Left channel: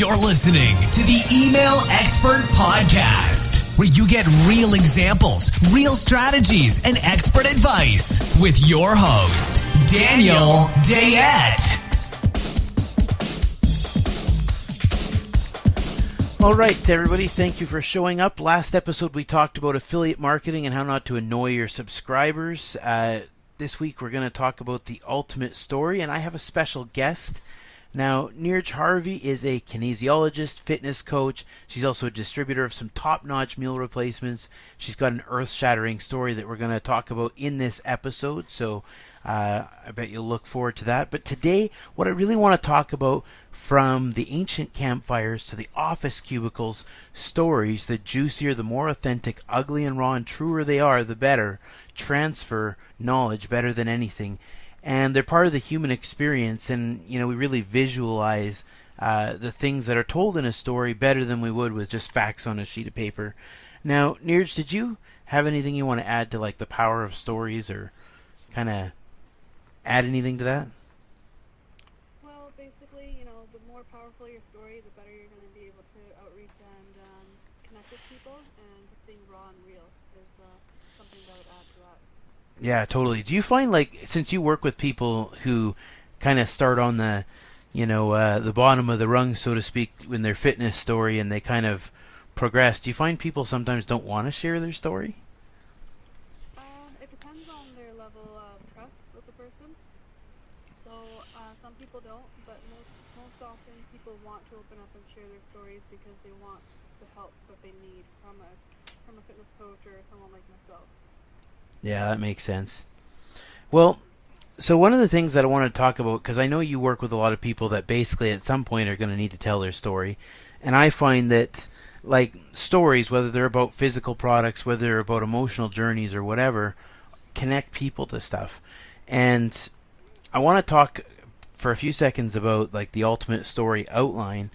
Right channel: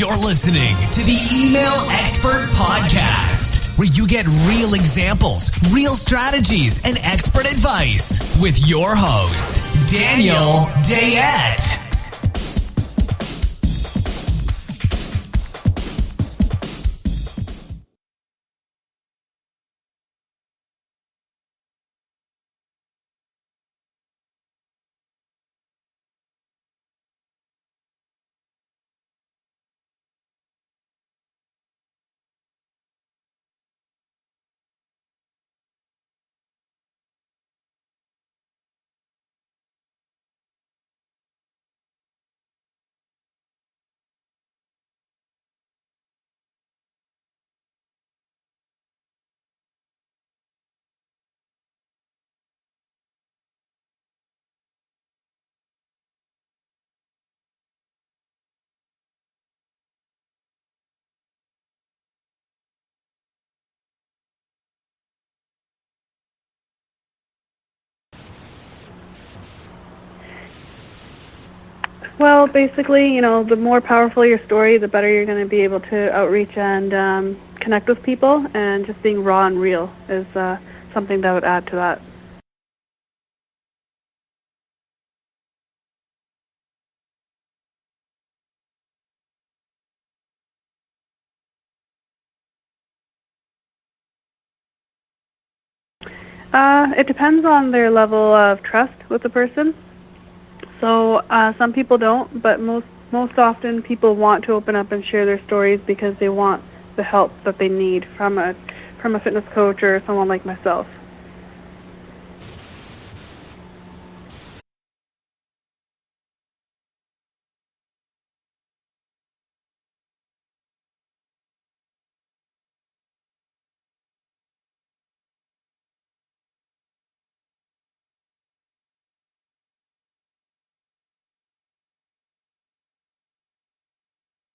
You're listening to the Email Expert Podcast, where you get real examples, real strategies, and expert advice with your host, Daniel Dayette. All right, everybody, thank you for showing up. Last episode, we talked about affiliate marketing and how not to annoy your subscribers. This week, we're going to talk about the ultimate story, and I have a special guest. Now, Neerjie She is a kinesiologist, fitness coach. She's also a distributor of some top-notch meal replacements. She's got an earth-shattering story that we're going to talk about in this episode, so I bet you'll look forward to that. But today, what I really want to talk about, from the ancient campfires to the office cubicles, stories, the juicier, the more authentic, ugly and raw and truer they are, the better. Transfer knowledge better than anything. And they're part of the human experience, and we really visualize the things that are told in a story better than we would with just facts on a sheet of paper. Now, Neerj, did you have anything you want to add to like the power of stories, or kind of add anything to that? Well, basically, the more powerful your story, the better you're going to be able to outreach and connect with people, and just being raw and real is something that would add to that. Yeah, totally. Do you find, like, since you work with people who kind of start on the, the bottom of the rung, so to speak, in their fitness story, and they kind of progress, do you find people sometimes don't want to share their story? It depends on their level of trust with the person. So some people don't, but most often people want to open up and share their stories because they want the help that they need from a fitness coach or someone like myself. Yeah, that makes sense. Well, so one of the things that I want to talk about, because I know you work with a lot of people that basically at some point are going to need to tell their story, and I find that, like, stories, whether they're about physical products, whether they're about emotional journeys or whatever, connect people to stuff. And I want to talk for a few seconds about, like, the ultimate story outline,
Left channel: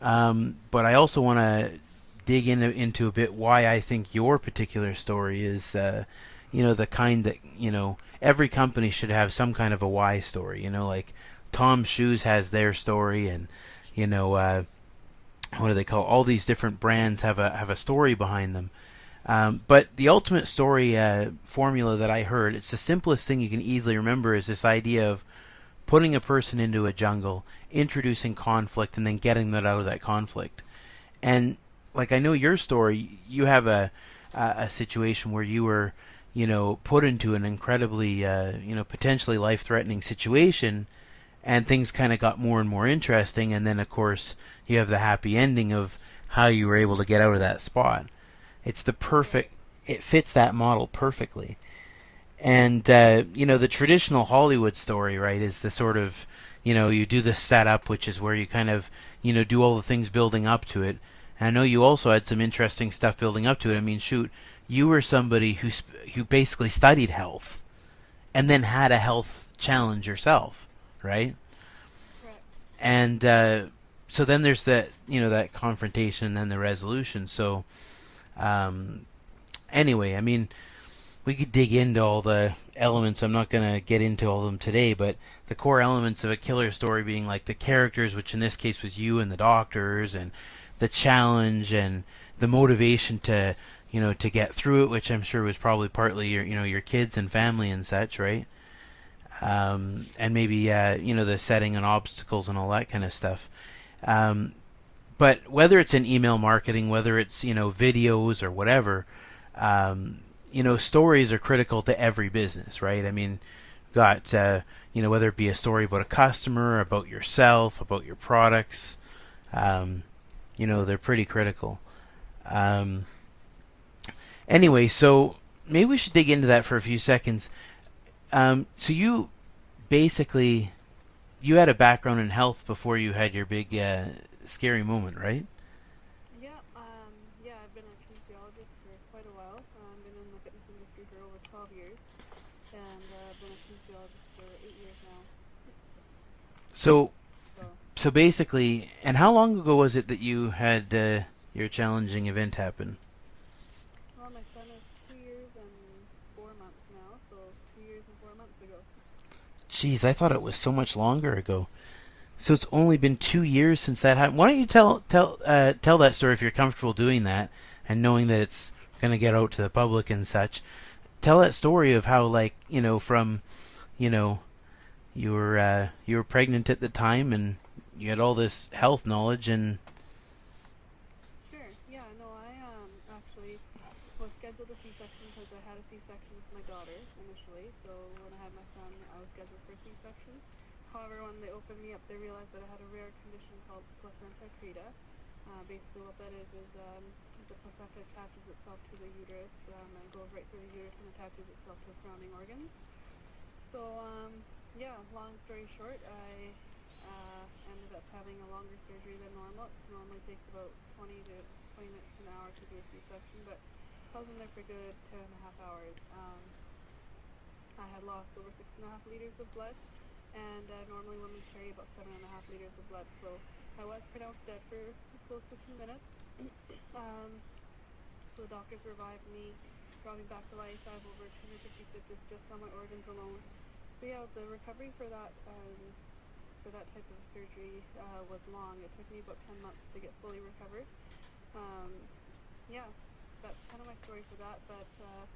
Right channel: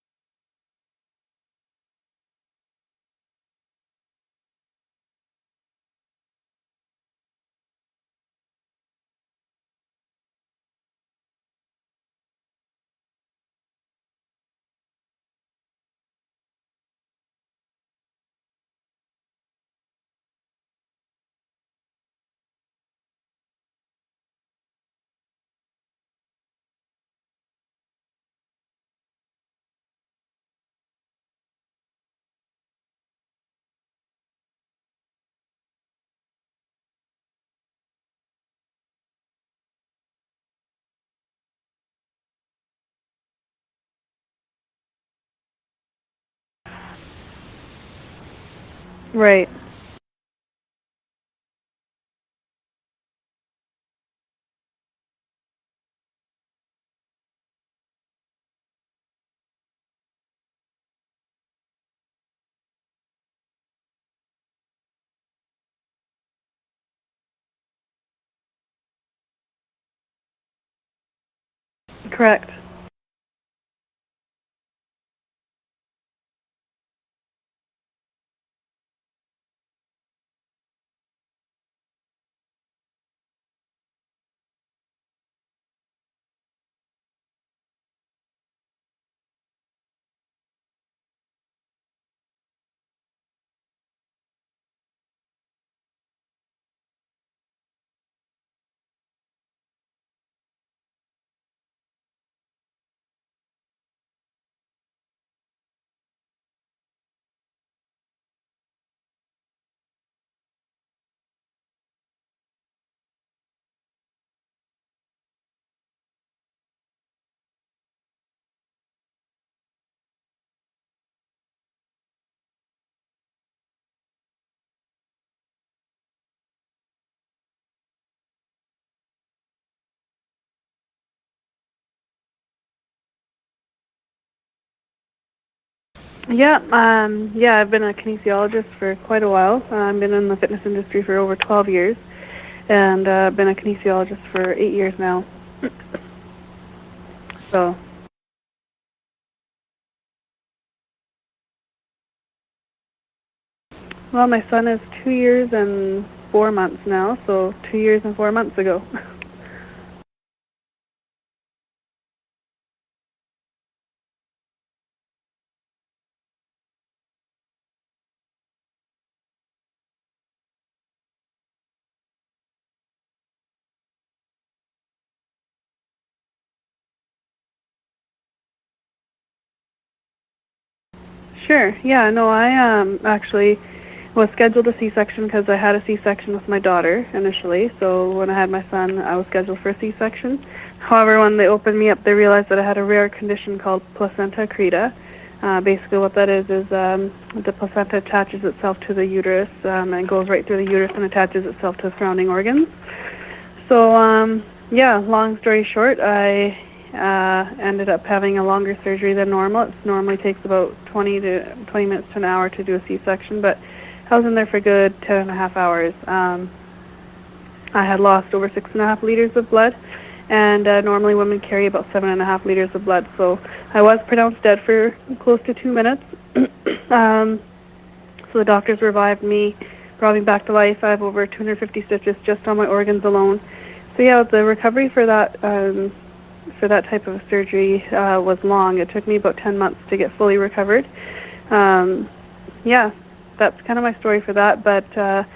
but I also want to dig into a bit why I think your particular story is the kind that, every company should have some kind of a why story. Like Tom's Shoes has their story, and, what do they call, all these different brands have a story behind them. But the ultimate story formula that I heard, it's the simplest thing you can easily remember, is this idea of putting a person into a jungle, introducing conflict, and then getting them out of that conflict. And, like, I know your story, you have a situation where you were put into an incredibly, potentially life-threatening situation, and things kind of got more and more interesting, and then, of course, you have the happy ending of how you were able to get out of that spot. It's the perfect, right. It fits that model perfectly. And, the traditional Hollywood story, right, is the sort of, you do the setup, which is where you kind of, do all the things building up to it. And I know you also had some interesting stuff building up to it. I mean, shoot, you were somebody who basically studied health and then had a health challenge yourself, right? Correct. And so then there's that, that confrontation and then the resolution. So anyway, I mean, we could dig into all the elements. I'm not going to get into all of them today, but the core elements of a killer story being like the characters, which in this case was you and the doctors, and the challenge and the motivation to get through it, which I'm sure was probably partly your kids and family and such, right? And maybe the setting and obstacles and all that kind of stuff. But whether it's in email marketing, whether it's videos or whatever, stories are critical to every business, right? I mean, got whether it be a story about a customer, about yourself, about your products, they're pretty critical. Anyway, so maybe we should dig into that for a few seconds. So you basically, you had a background in health before you had your big scary moment, right? Yeah, I've been a kinesiologist for quite a while. I've been in the fitness industry for over 12 years, and I've been a kinesiologist for 8 years now. So basically, and how long ago was it that you had your challenging event happen? Well, my son is 2 years and 4 months now, so 2 years and 4 months ago. Jeez, I thought it was so much longer ago. So it's only been 2 years since that happened. Why don't you tell that story if you're comfortable doing that and knowing that it's going to get out to the public and such. Tell that story of how, like, from, you were pregnant at the time and you had all this health knowledge and. Sure. Yeah. No, I actually was scheduled a C-section because I had a C-section with my daughter initially. So when I had my son, I was scheduled for a C-section. However, when they opened me up, they realized that I had a rare condition called placenta accreta. Basically what that is the placenta attaches itself to the uterus and goes right through the uterus and attaches itself to the surrounding organs. So, long story short, I ended up having a longer surgery than normal. It normally takes about 20 minutes to an hour to do a C-section, but I was in there for a good 10 and a half hours. I had lost over 6.5 liters of blood, and normally women carry about 7.5 liters of blood. So I was pronounced dead for close to 2 minutes. So the doctors revived me, brought me back to life. I have over 250 stitches just on my organs alone. So yeah, the recovery for that type of surgery was long. It took me about 10 months to get fully recovered. That's kind of my story for that. But the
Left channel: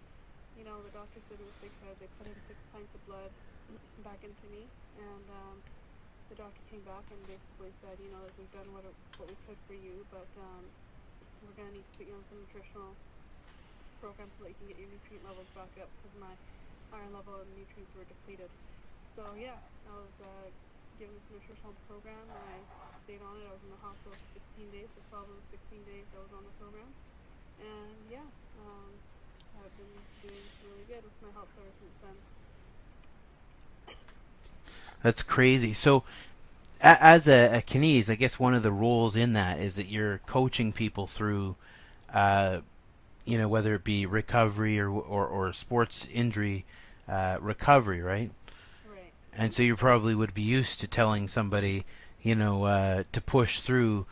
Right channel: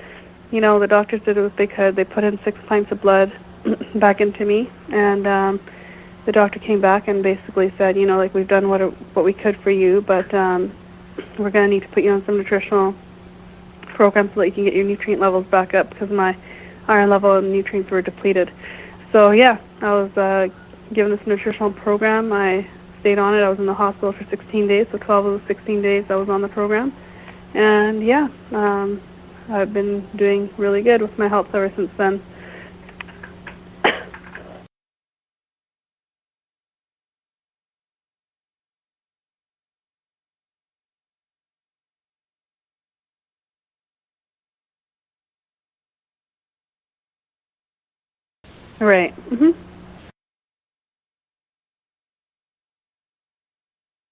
doctors did what they could. They put in 6 pints of blood back into me, and the doctor came back and basically said, we've done what we could for you, but we're going to need to put you on some nutritional programs so that you can get your nutrient levels back up, because my iron level and nutrients were depleted. So yeah, I was given this nutritional program. I stayed on it. I was in the hospital for 16 days, so 12 of the 16 days I was on the program. And I've been doing really good with my health ever since then. That's crazy. So as a kines, I guess one of the roles in that is that you're coaching people through, whether it be recovery or sports injury recovery, right? Right. Mm-hmm. And so you probably would be used to telling somebody, to push through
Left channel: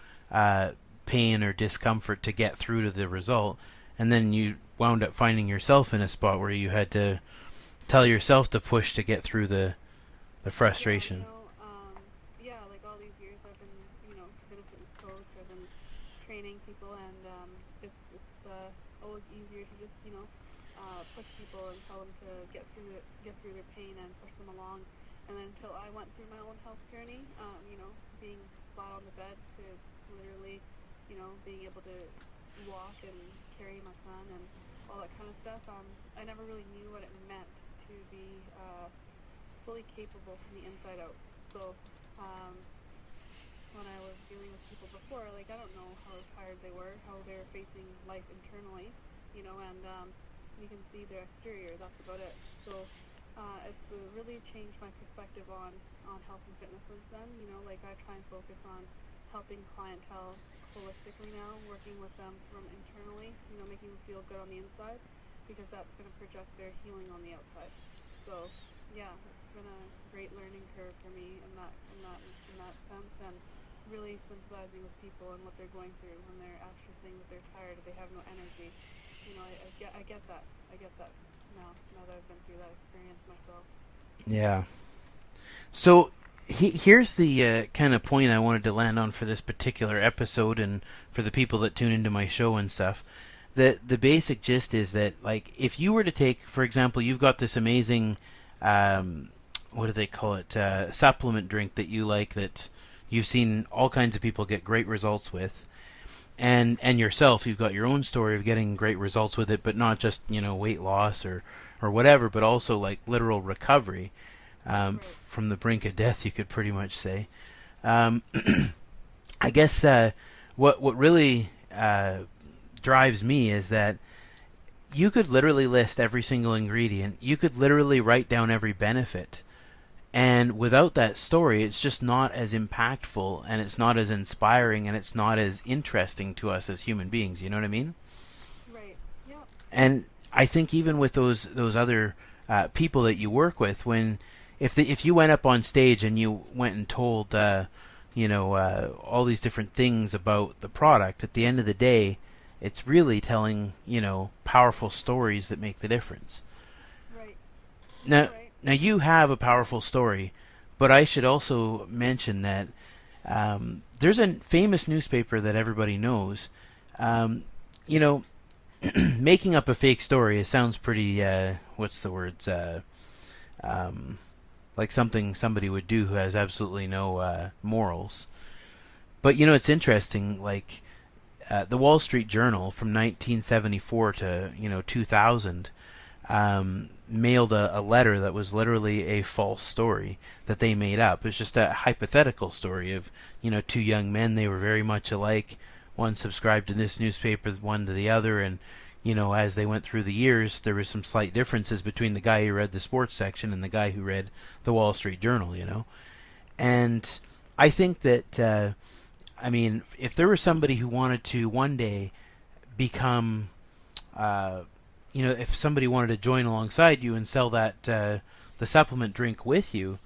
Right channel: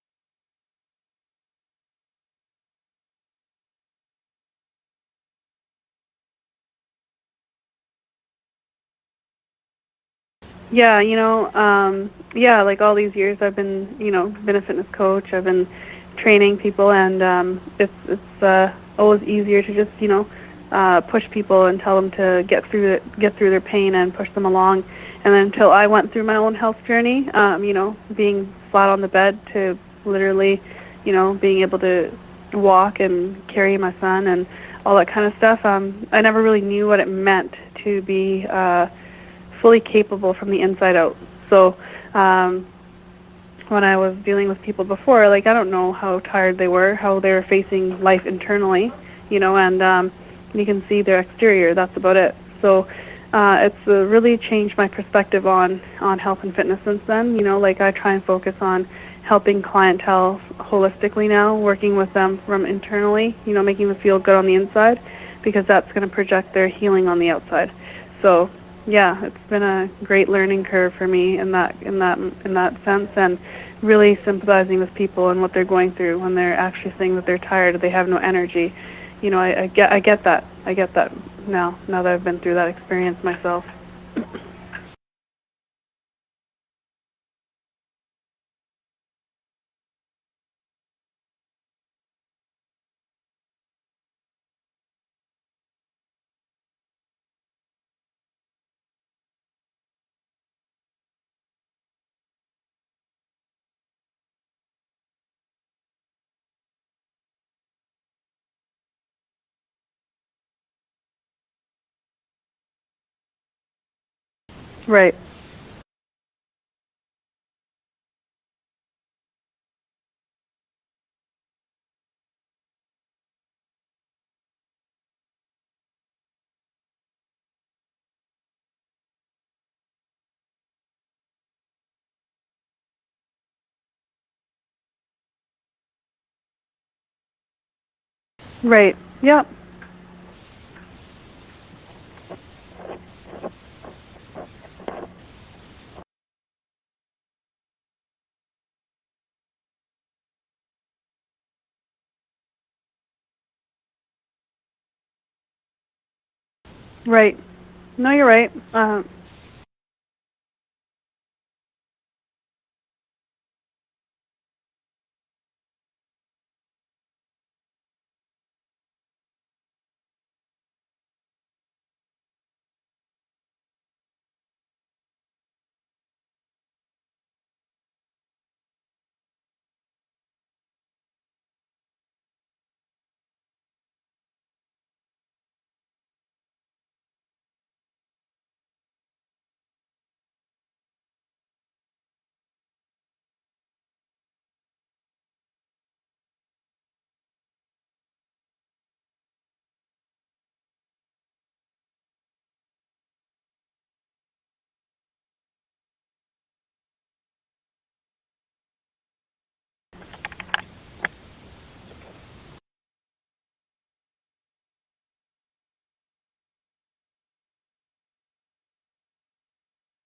pain or discomfort to get through to the result. And then you wound up finding yourself in a spot where you had to tell yourself to push to get through the frustration. Yeah, like all these years I've been a fitness coach. I've been training people, and it's always easier to just, push people and tell them to get through their pain and push them along. And then until I went through my own health journey, being flat on the bed to literally, being able to walk and carry my son and all that kind of stuff, I never really knew what it meant to be fully capable from the inside out. So when I was dealing with people before, I don't know how tired they were, how they were facing life internally, and you can see their exterior. That's about it. So it's really changed my perspective on health and fitness since then. I try and focus on helping clientele holistically now, working with them from internally, making them feel good on the inside, because that's going to project their healing on the outside. So yeah, it's been a great learning curve for me in that sense, and really sympathizing with people and what they're going through when they're actually saying that they're tired, they have no energy. I get that. I get that now that I've been through that experience myself. Yeah. So here's the kind of point I wanted to land on for this particular episode, and for the people that tune into my show and stuff. The basic gist is that, if you were to take, for example, you've got this amazing, what do they call it, supplement drink that you like, that you've seen all kinds of people get great results with. And yourself, you've got your own story of getting great results with it, but not just, weight loss or whatever, but also literal recovery. Right. From the brink of death, you could pretty much say. I guess what really drives me is that you could literally list every single ingredient. You could literally write down every benefit. And without that story, it's just not as impactful, and it's not as inspiring, and it's not as interesting to us as human beings. You know what I mean? Right. Yeah. And I think even with those other people that you work with, if you went up on stage and you went and told all these different things about the product, at the end of the day, it's really telling powerful stories that make the difference. Right. No, you're right. Now you have a powerful story, but I should also mention that There's a famous newspaper that everybody knows. You know, making up a fake story, it sounds pretty, what's the words, like something somebody would do who has absolutely no morals. But, you know, it's interesting, like, the Wall Street Journal from 1974 to, 2000 mailed a letter that was literally a false story that they made up. It was just a hypothetical story of, two young men. They were very much alike. One subscribed to this newspaper, one to the other, and, as they went through the years, there were some slight differences between the guy who read the sports section and the guy who read the Wall Street Journal, And I think that, if there was somebody who wanted to one day become, if somebody wanted to join alongside you and sell that the supplement drink with you,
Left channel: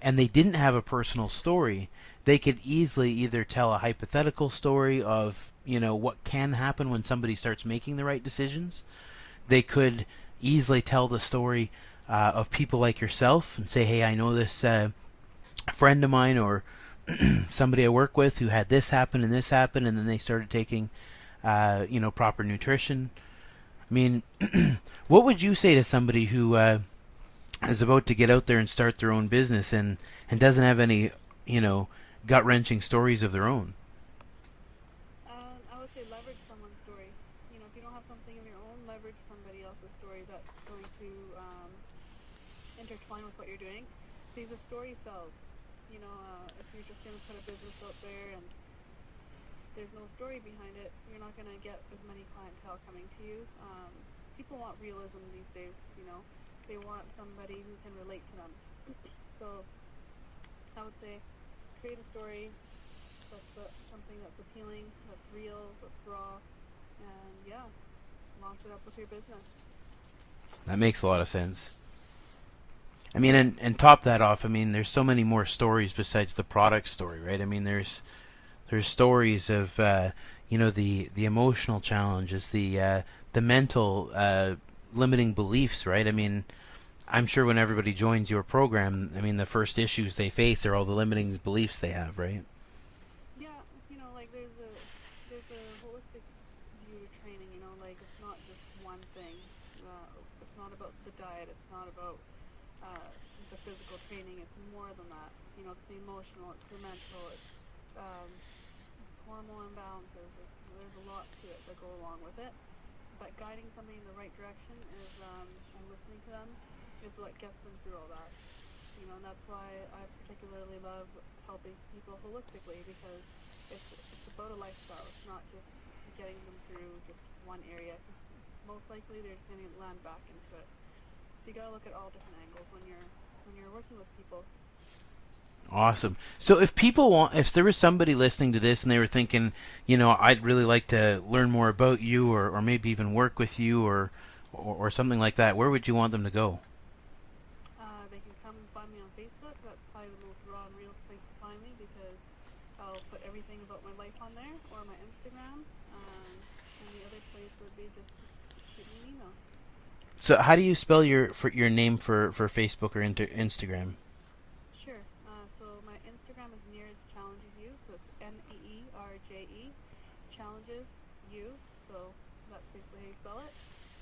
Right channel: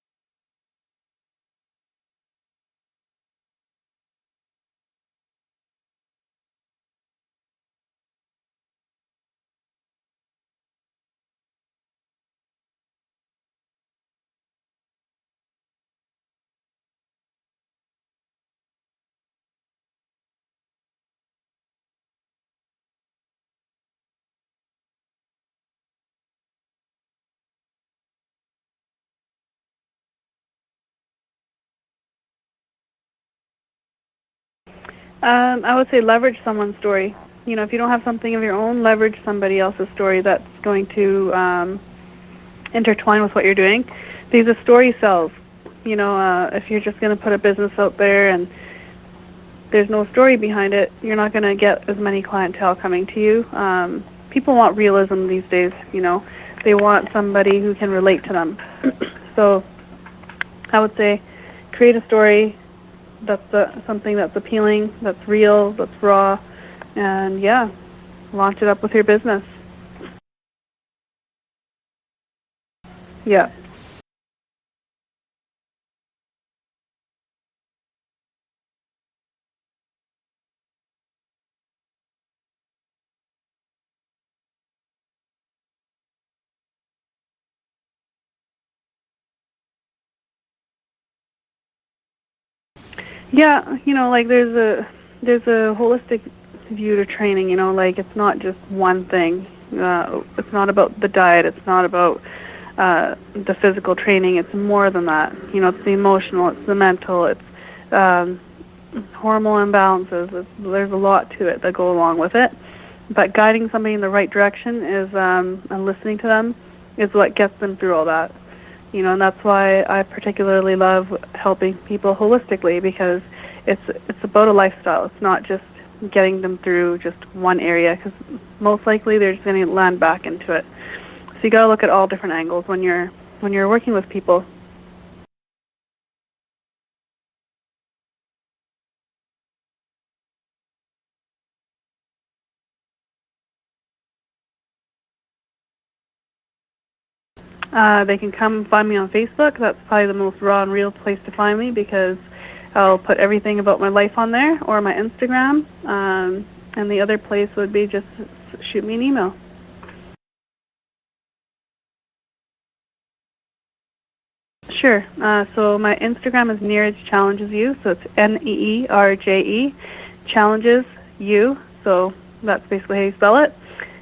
and they didn't have a personal story, they could easily either tell a hypothetical story of, what can happen when somebody starts making the right decisions. They could easily tell the story of people like yourself and say, hey, I know this friend of mine or somebody I work with who had this happen, and then they started taking, proper nutrition. I mean, what would you say to somebody who is about to get out there and start their own business and doesn't have any, gut-wrenching stories of their own? I would say leverage someone's story. If you don't have something of your own, leverage somebody else's story that's going to intertwine with what you're doing. Because a story sells. If you're just going to put a business out there and there's no story behind it, you're not going to get as many clientele coming to you. People want realism these days, They want somebody who can relate to them. So I would say create a story that's something that's appealing, that's real, that's raw, and launch it up with your business. That makes a lot of sense. And top that off, there's so many more stories besides the product story, right? There's stories of, the emotional challenges, the mental limiting beliefs, right? I'm sure when everybody joins your program, the first issues they face are all the limiting beliefs they have, right? Yeah, there's a holistic view to training, it's not just one thing. It's not about the diet, it's not about the physical training, it's more than that. It's the emotional, it's the mental, it's hormonal imbalances. There's a lot to it that go along with it. But guiding somebody in the right direction is, and listening to them, is what gets them through all that. And that's why I particularly love helping people holistically, because it's about a lifestyle. It's not just getting them through just one area, because most likely they're just going to land back into it. So you got to look at all different angles when you're working with people. Awesome. So if there was somebody listening to this and they were thinking, I'd really like to learn more about you, or maybe even work with you, or something like that, where would you want them to go? They can come find me on Facebook. That's probably the most raw and real place to find me, because I'll put everything about my life on there, or my Instagram. And the other place would be just shoot me an email. So how do you spell your name for Facebook or Instagram? Sure. So my Instagram is Neerjie Challenges You. So it's Neerje Challenges You. So that's basically how you spell it.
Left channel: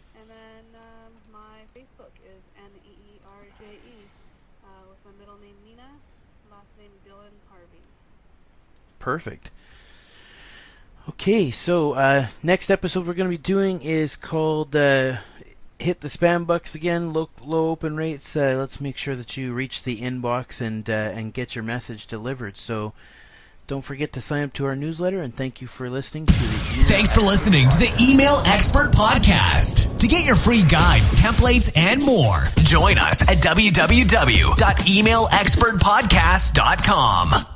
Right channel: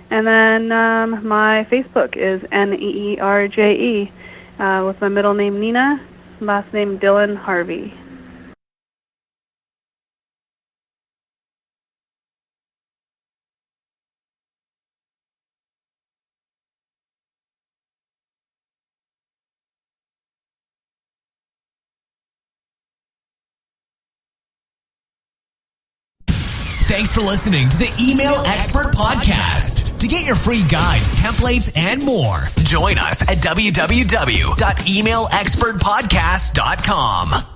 And then my Facebook is Neerje, with my middle name Nina, last name Dylan Harvey. Perfect. Okay, so next episode we're going to be doing is called Hit the Spam Bucks Again, low open rates. Let's make sure that you reach the inbox and get your message delivered. So don't forget to sign up to our newsletter, and thank you for listening. Thanks for listening to the Email Expert Podcast. To get your free guides, templates, and more, join us at www.emailexpertpodcast.com.